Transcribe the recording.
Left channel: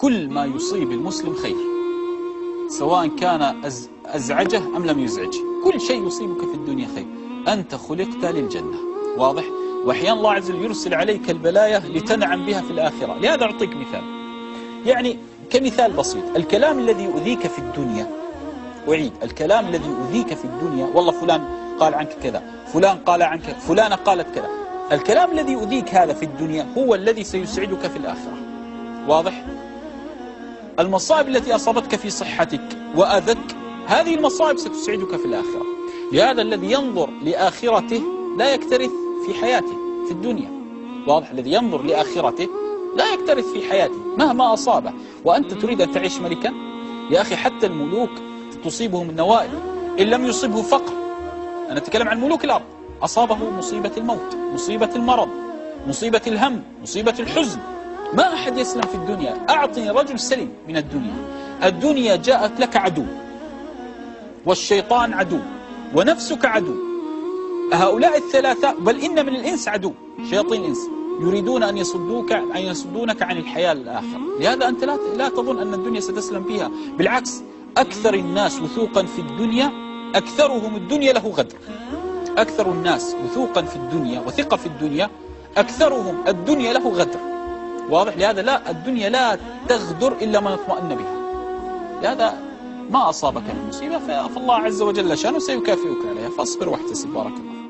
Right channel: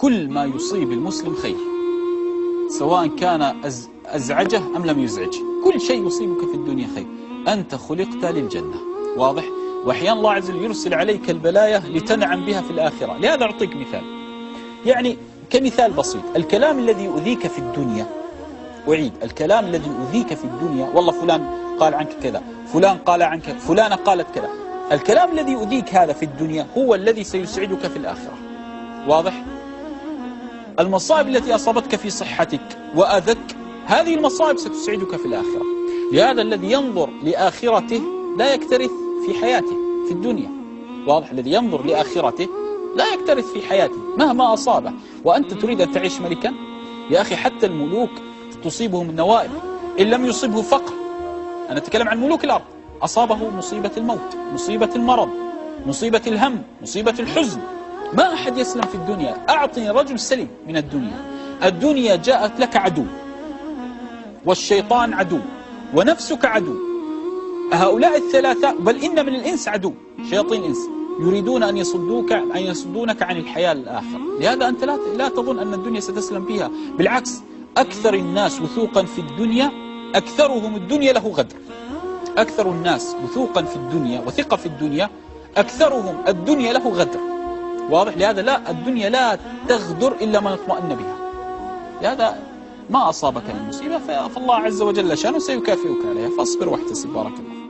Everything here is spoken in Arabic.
كل ما يصيب المسلم خير، سواء كان أزعجه أم لم يزعجه، كل شيء يصيبك في الدنيا خير. أنت خلقت للجنة، واضح؟ وأحيانا الله عز وجل يرسل عليك البلايا لتنعم بها في الآخرة. لهذا أعطيك مثال، يعني كمثال بسيط، الكلام الذي يؤذيك في الدنيا، أعيد، الكلام الذي يؤذيك في الدنيا، والله فلان قال عنك كذا، فلان قال عنك، فلانة قالت كذا، الكلام الذي يؤذيك هذا في الدنيا هو الذي سيسعدك في الآخرة، واضح؟ المصائب التي أصابتك في صحتك وأذك، هذه المصائب ستسعدك في الآخرة. لهذا الذي ينظر لآخرته لا يكترث في حياته في الدنيا، واضح؟ الذي ينظر لآخرته لا يكترث في حياته مهما أصابه. وأنت تريد أن تعيش ملكا؟ يا أخي حتى الملوك تصيبهم النوائب إن لم يصبه فقر. أنا أتكلم عن ملوك الأرض، أصابه مصيبة الموت، مصيبة المرض، مصيبة الهم، مصيبة الحزن، ما أحد يسلم في الدنيا. أعطني رجل سلم من الدنيا. الدنيا جاءت لك عدو، والشيطان عدو، ونفسك عدو. هؤلاء الثلاثة، بل إن من الإنس عدو، شياطين الإنس يريدون أن يصدونك عن الحياة الآخرة. لهذا أنت لا تظن أن الدنيا ستسلم فيها، بالعكس، أكثر الناس وثوقا في الدنيا أكثرهم الدنيا له غدر. أكثر الناس وثوقا في الدنيا وثقة في الدنيا أكثرهم الدنيا له غدر، واضح؟ لهذا لا، الدنيا لا تغدر إلا من اطمأن بها. لهذا ما أصابك من مصيبة فالله عز وجل شانه سيكافئك عليها، فاصبر واحتسب. بارك الله.